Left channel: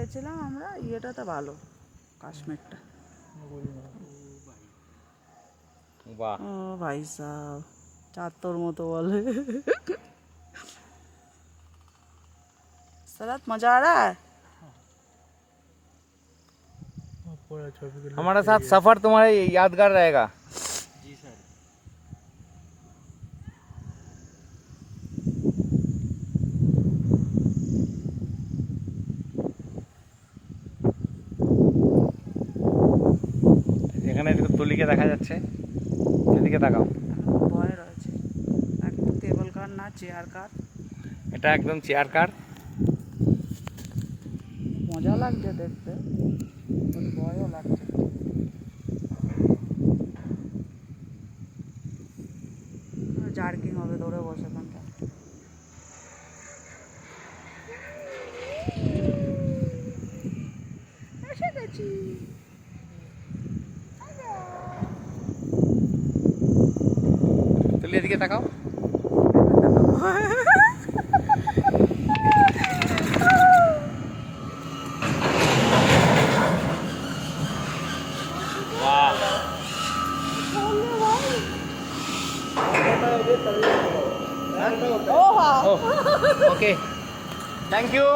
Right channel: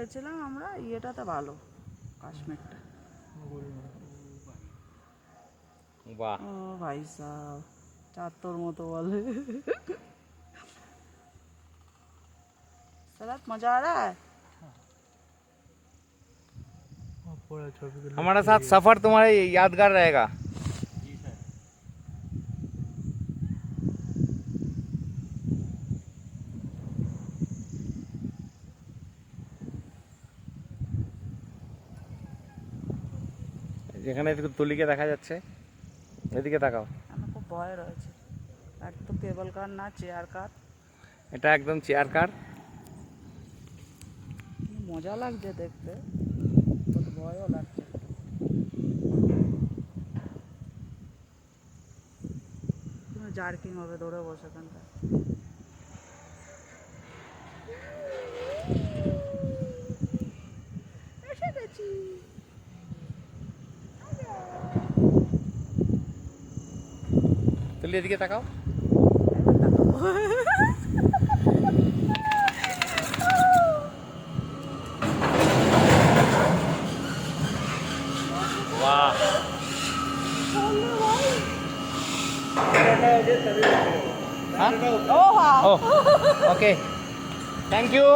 গেছিলাম আমরা, ইয়েটাতে ভালো, কাশ্মীরটা। বাহ, ও ভাই সাহ, চাঁদতোর মতো বলে। सरात मजा आ रहा है। हमारा साथ सफर तुम्हारे यादगार रहेगा। जी सर। যেখানে তুলিকে দেখা যাচ্ছে সেদিকে তাকাও। ভয় রয়েছে, একটু কেবল কার না চেয়ার কার। এটা একদম চেয়ার কার। মজা লাগছে দেখতে, ভয়ও লাগছে। জার্কিং হবে ধরে বসে ওখানটা। এসে গেছি। তুলি এদিকে তাকাও। Okay, thank you.